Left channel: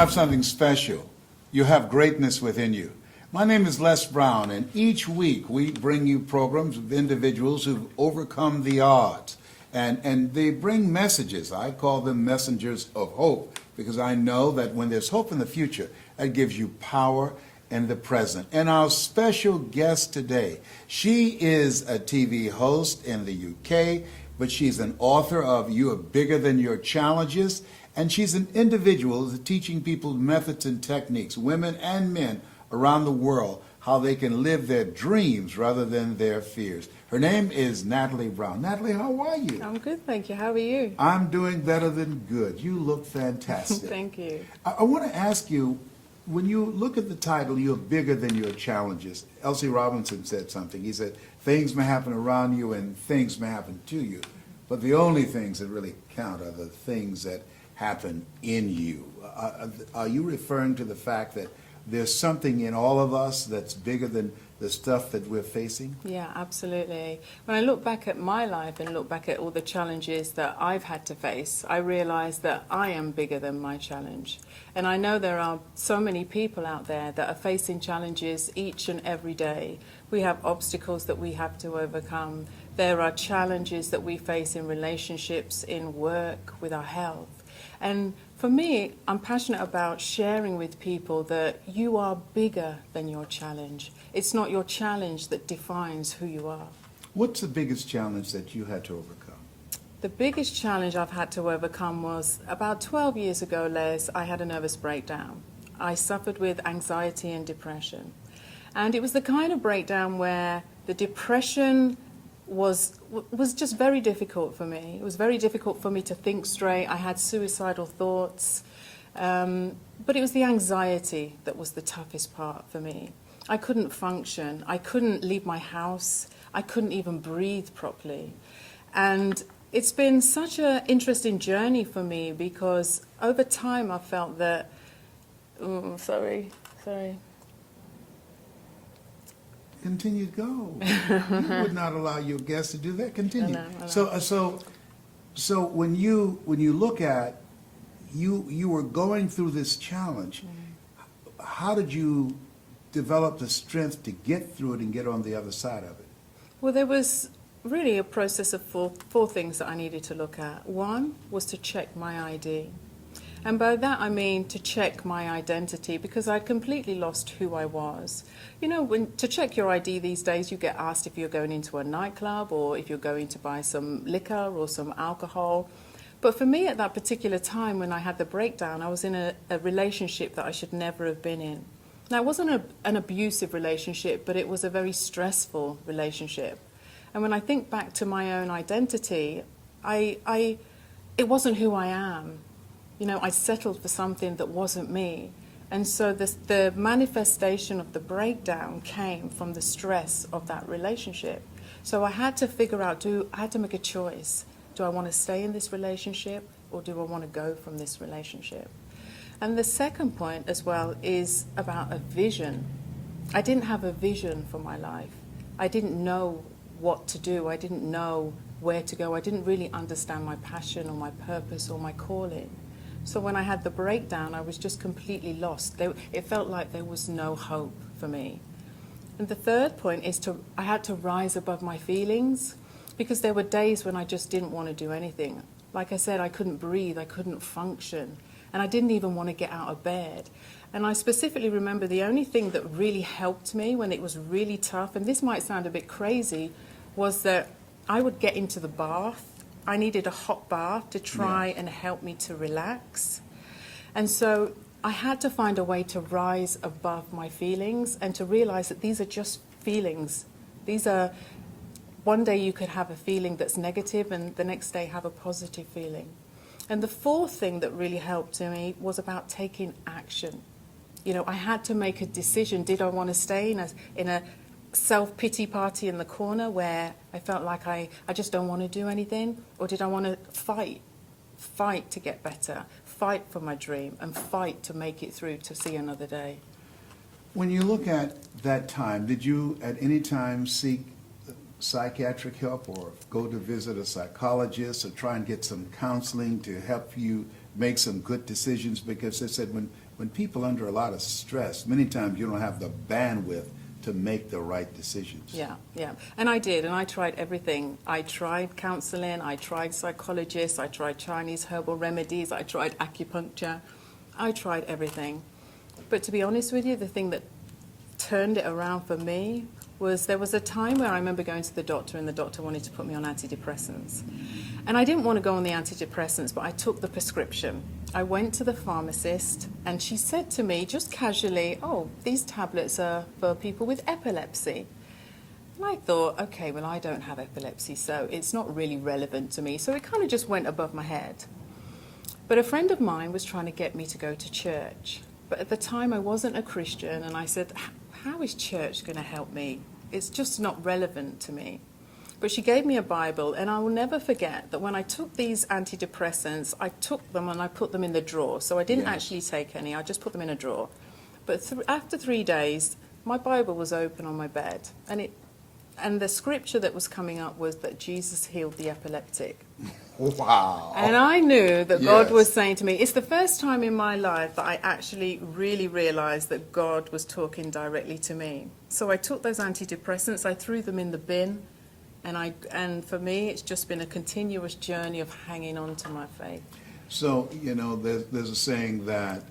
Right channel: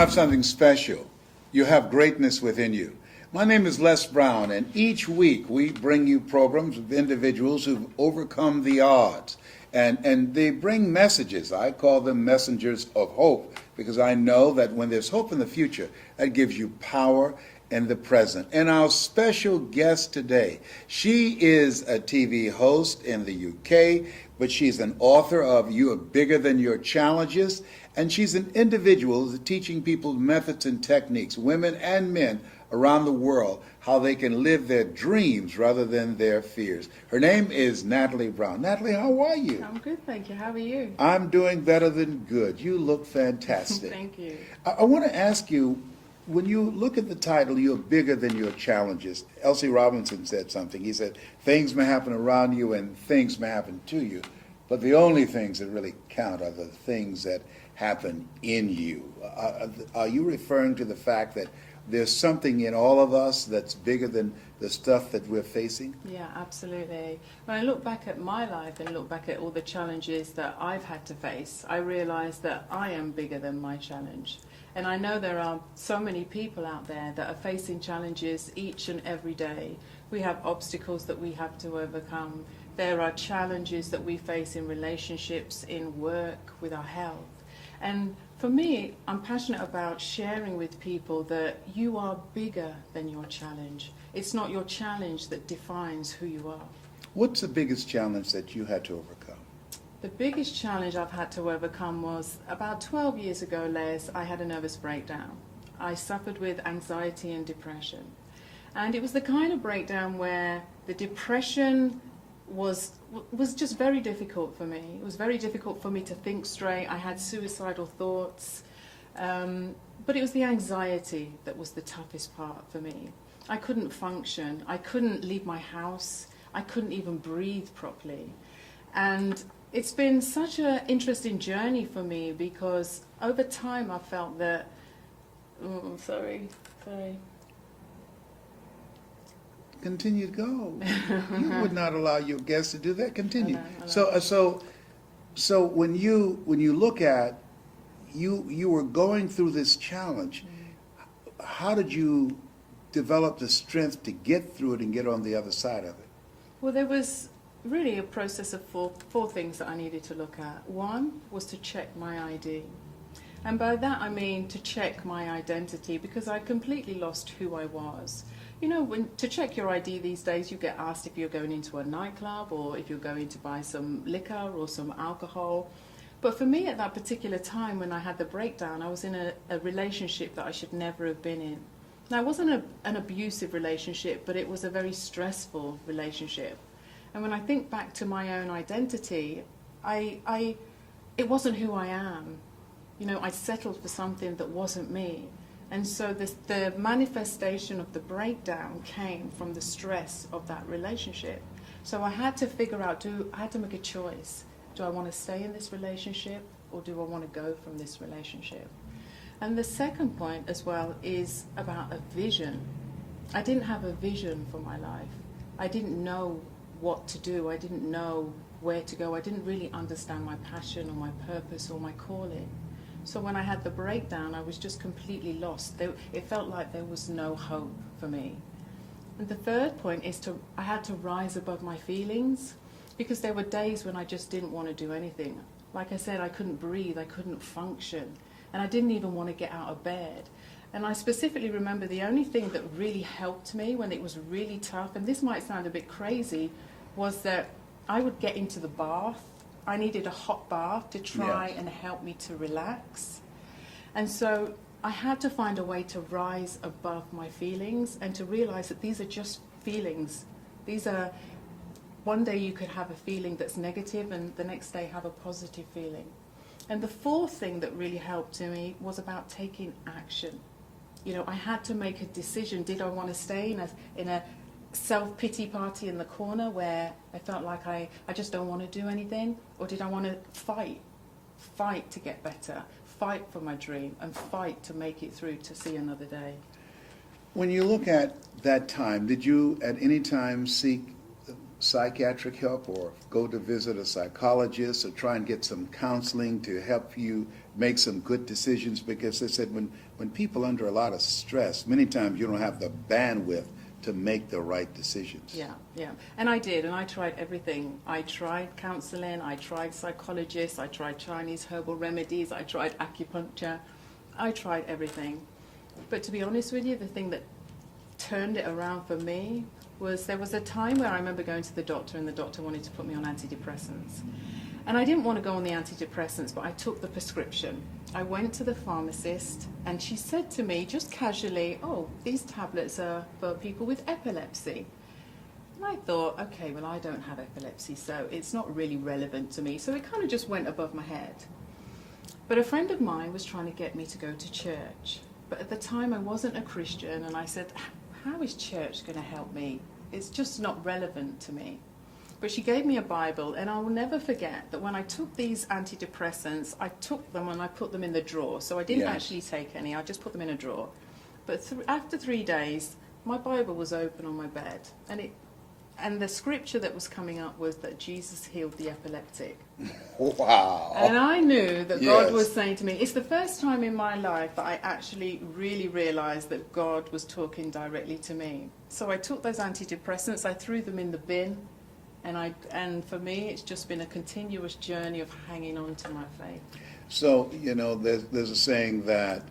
have something special. You have greatness within you. My name is Les Brown, and each week we bring you programs with individuals who've overcome the odds. And they bring messages. I call them messengers of hope, because I know that when there's hope in the future, that gives you power in the present. And our special guest today, she is a TV host in the UK, but she's an author of You Are Bigger Than Your Challenges, and she's an individual who's teaching people methods and techniques, women and men around the world, how they can live their dreams rather than their fears. Her name is Natalie Brown. Natalie, how are you? I'm good, thank you. How are you? I'm doing better than good. You look fantastic. Thank you. I want to ask you, when you look at the title, You're Bigger Than Your Challenges, L.C. Robinson said something. He said, things may happen around you and things may happen to you, but the only things that really count are the things that happen in you. Are you referring to the fact that there's something in all of us that's bigger than the stuff that we're facing? Yeah, absolutely. When I look back at my life and look back at all the challenges that I've had to face, I realize that I am bigger than my challenge. And I know there are so many people out there that are facing challenges each and every day. We have obstacles that we have to overcome. There are challenges that we face in relationships, in work, with our health. And for me, I'm passionate about sharing with people that you are bigger than your challenge. It's not your challenge that defines who you are. What's the biggest challenge that you had to overcome? The biggest challenge I've had to overcome was about 12 years ago, Les, I had a nervous breakdown. I suffered with anxiety and depression. And it was the kind of breakdown where the depression was just very difficult for me. It was very difficult for me to think straight. I had suicidal thoughts. But it was the anxiety that was the toughest part for me. I couldn't function. I couldn't leave my house. I couldn't even breathe properly. And it's been such an interesting journey for me, because over time I felt that... Sorry. Continue to go. You would not allow your guests to do that. Continue. I know. So when you look at you were going through this challenge, how did you develop the strength to get through it and get on the other side of it? Well, there was really a process of four things that I needed to look at. One was to check my ID. And by that I mean to check my identity, because I'd completely lost who I was. You know, to check your ID these days, you get asked if you're going into a nightclub or if you're going to buy some liquor or some alcohol. But for me at that particular time when I had the breakdown, I was in a relationship that I should never have been in. Now, it wasn't an abusive relationship, but it was a very stressful relationship. And when I think back to my own identity, it wasn't who I am. You know, I settled for something that wasn't me. And so the manifestation of the breakdown came from the stress of that relationship. So I had to figure out, I had to make a choice. Do I want to stay in this relationship, or do I want to go from this relationship? And the second point as well is about a vision. I didn't have a vision for my life. I didn't know what to do. I didn't know where to go. I didn't really understand my passion or my purpose or my calling. So when I had the breakdown, I was just completely lost. It felt like there was no hope for me. And the third point is I had to rise above my feelings, because there were days when I just didn't want to do anything. Like I said, I couldn't breathe, I couldn't function, and I didn't even want to get out of bed. And I specifically remember the only thing that really helped me when it was really tough, and this might sound a bit crazy, was that I would get into the bath. I needed a hot bath to try and help me to relax. And so I had to find a way to rise above my feelings and to realize that these are just feelings. One day you could have a feeling that's negative and the next day have a positive feeling. And the fourth thing that really helped to me was about taking action. You know, I had to make a decision. Did I want to stay in a self-pity party in the corner where I felt like I just don't want to do anything? Or did I want to fight to get better, fight for my dream, and fight to make it through to see another day? When you look at that time, did you at any time seek psychiatric help or go to visit a psychologist or try and get some counseling to help you make some good decisions? Because they said when when people are under a lot of stress, many times you don't have the bandwidth to make the right decisions. Yeah, yeah. And I did, and I tried everything. I tried counseling, I tried psychologists, I tried Chinese herbal remedies, I tried acupuncture, I tried everything. But to be honest with you, the thing that turned it around for me was there was a time where I remember going to the doctor and the doctor wanted to put me on antidepressants. And I didn't want to go on the antidepressants, but I took the prescription. I went to the pharmacist and she said to me just casually, "Oh, these tablets are for people with epilepsy." And I thought, okay, well, I don't have epilepsy, so it's not really relevant to me. So it kind of just went above my head. But a friend of mine was trying to get me to go to church. But at the time I wasn't a Christian, and I said, how is church going to help me? It's just not relevant to me. But she gave me a Bible, and I will never forget that when I took these antidepressants, I took them and I put them in the drawer. So I didn't actually take any, I just put them in a drawer. But after 3 days, my Bible was open on my bed, and the scripture that was coming up was that Jesus healed the epileptic. Wow. And I knew that God Yes. was saying to me, it's the first time in my life that I actually really realized that God was talking directly to me. So I took those antidepressants, I threw them in the bin, and for me, it's just been a continuous journey of hanging on to my faith. So, there's a saying that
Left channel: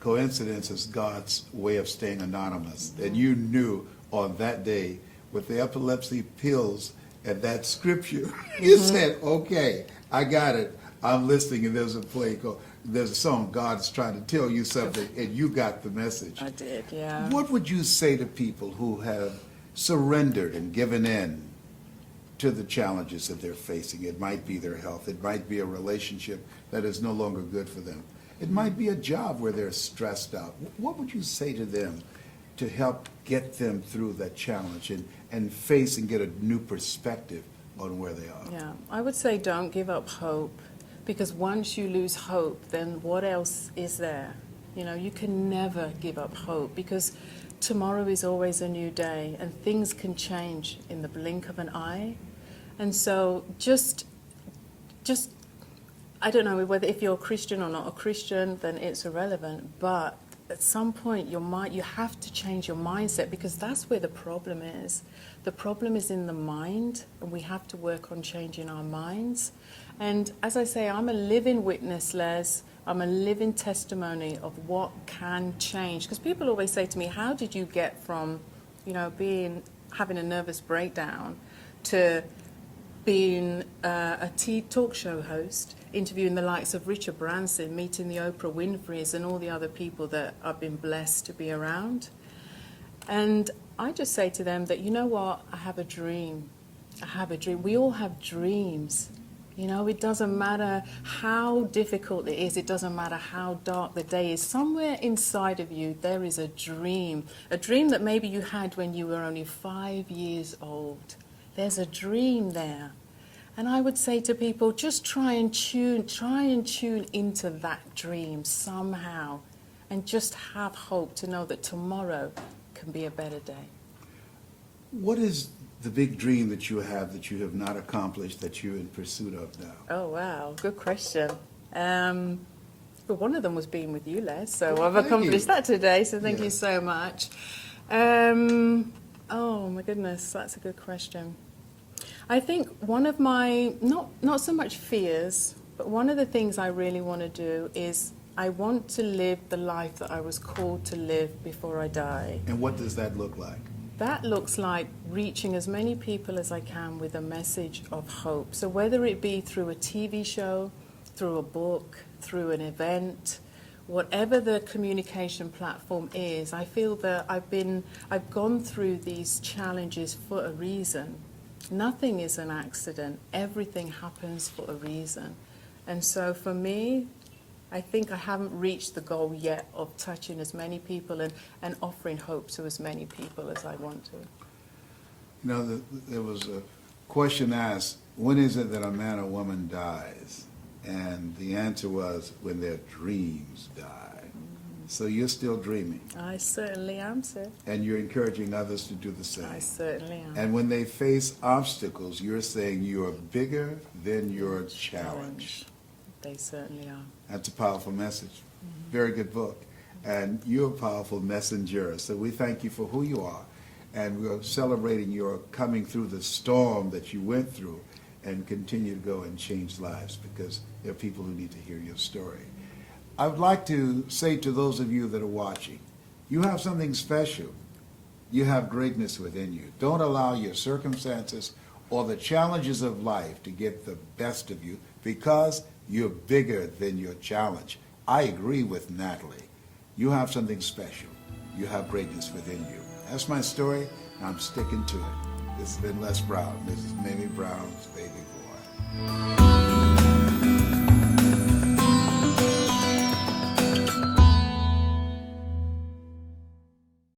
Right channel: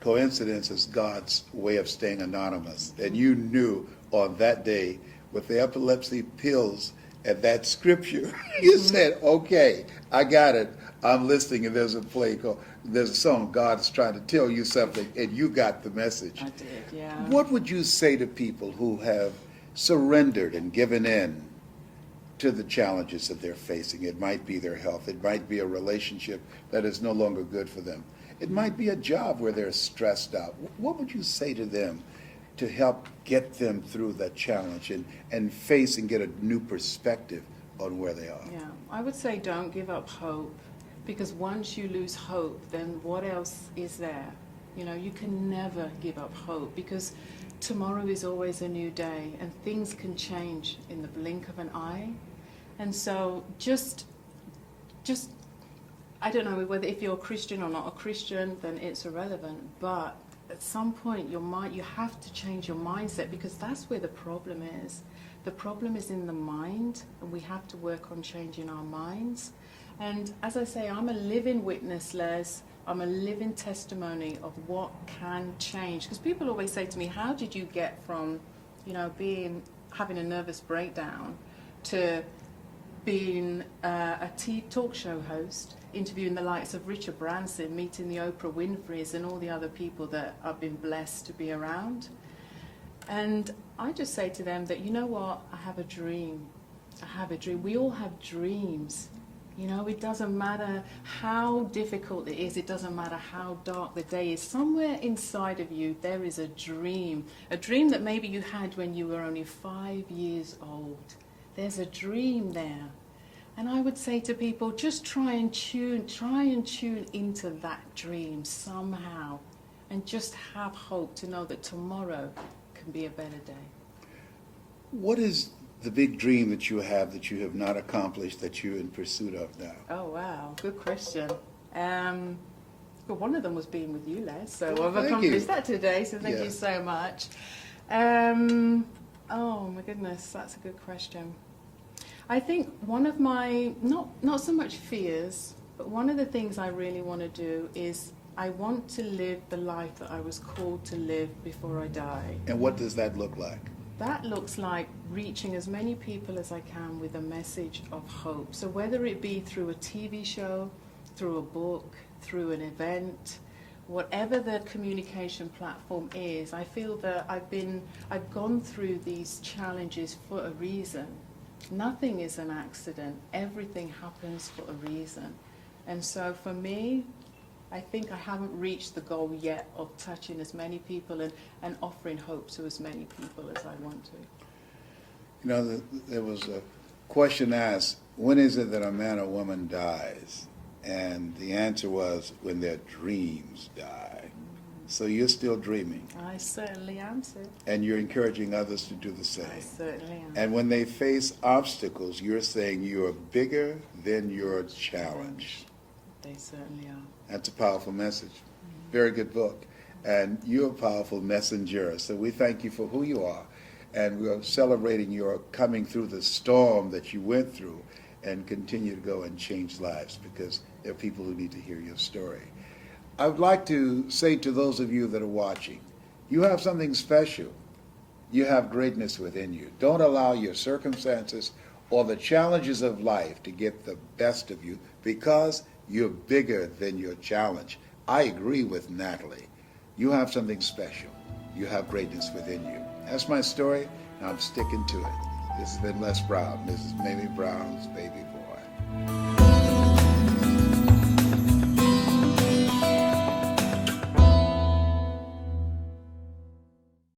coincidence is God's way of staying anonymous. And you knew on that day with the epilepsy pills and that scripture, you said, okay, I got it. I'm listening, and there's a song, God's trying to tell you something, and you got the message. I did, yeah. What would you say to people who have surrendered and given in to the challenges that they're facing? It might be their health. It might be a relationship that is no longer good for them. It might be a job where they're stressed out. What would you say to them to help get them through that challenge and face and get a new perspective on where they are? Yeah, I would say don't give up hope, because once you lose hope, then what else is there? You can never give up hope, because tomorrow is always a new day and things can change in the blink of an eye. And so just I don't know whether if you're a Christian or not a Christian, then it's irrelevant, but at some point you have to change your mindset, because that's where the problem is. The problem is in the mind, and we have to work on changing our minds. And as I say, I'm a living witness, Les. I'm a living testimony of what can change. Because people always say to me, how did you get from, having a nervous breakdown to being a talk show host, interviewing the likes of Richard Branson, meeting the Oprah Winfreys and all the other people that I've been blessed to be around. And I just say to them that, you know what, I have a dream. I have a dream. We all have dreams. It doesn't matter how difficult it is. It doesn't matter how dark the day is. Somewhere inside of you, there is a dream that maybe you had when you were only 5 years old. There's a dream there. And I would say to people, just try and tune into that dream somehow, and just have hope to know that tomorrow can be a better day. What is the big dream that you have not accomplished that you're in pursuit of now? Oh, wow. Good question. But one of them was being with you, Les, so I've Thank accomplished you. that today, so thank you Yes. so much. Oh, my goodness, that's a good question. I think one of my, not so much fears, but one of the things I really want to do is I want to live the life that I was called to live before I die. And what does that look like? That looks like reaching as many people as I can with a message of hope. So whether it be through a TV show, through a book, through an event, whatever the communication platform is, I feel that I've gone through these challenges for a reason. Nothing is an accident. Everything happens for a reason. And so for me, I think I haven't reached the goal yet of touching as many people and offering hope to as many people as I want to. There was a question asked, when is it that a man or woman dies? And the answer was, when their dreams die. So you're still dreaming. I certainly am, sir. And you're encouraging others to do the same. I certainly am. And when they face obstacles, you're saying you are bigger than your challenge. They certainly are. That's a powerful message. Very good book. and you're a powerful messenger. So we thank you for who you are, and we're celebrating your coming through the storm that you went through and continue to go and change lives, because there are people who need to hear your story. I would like to say to those of you that are watching, you have something special. You have greatness within you. Don't allow your circumstances or the challenges of life to get the best of you, because you're bigger than your challenge. I agree with Natalie. You have something special. You have greatness within you. That's my story. I'm sticking to it. This has been Les Brown. This is Mamie Brown's baby boy.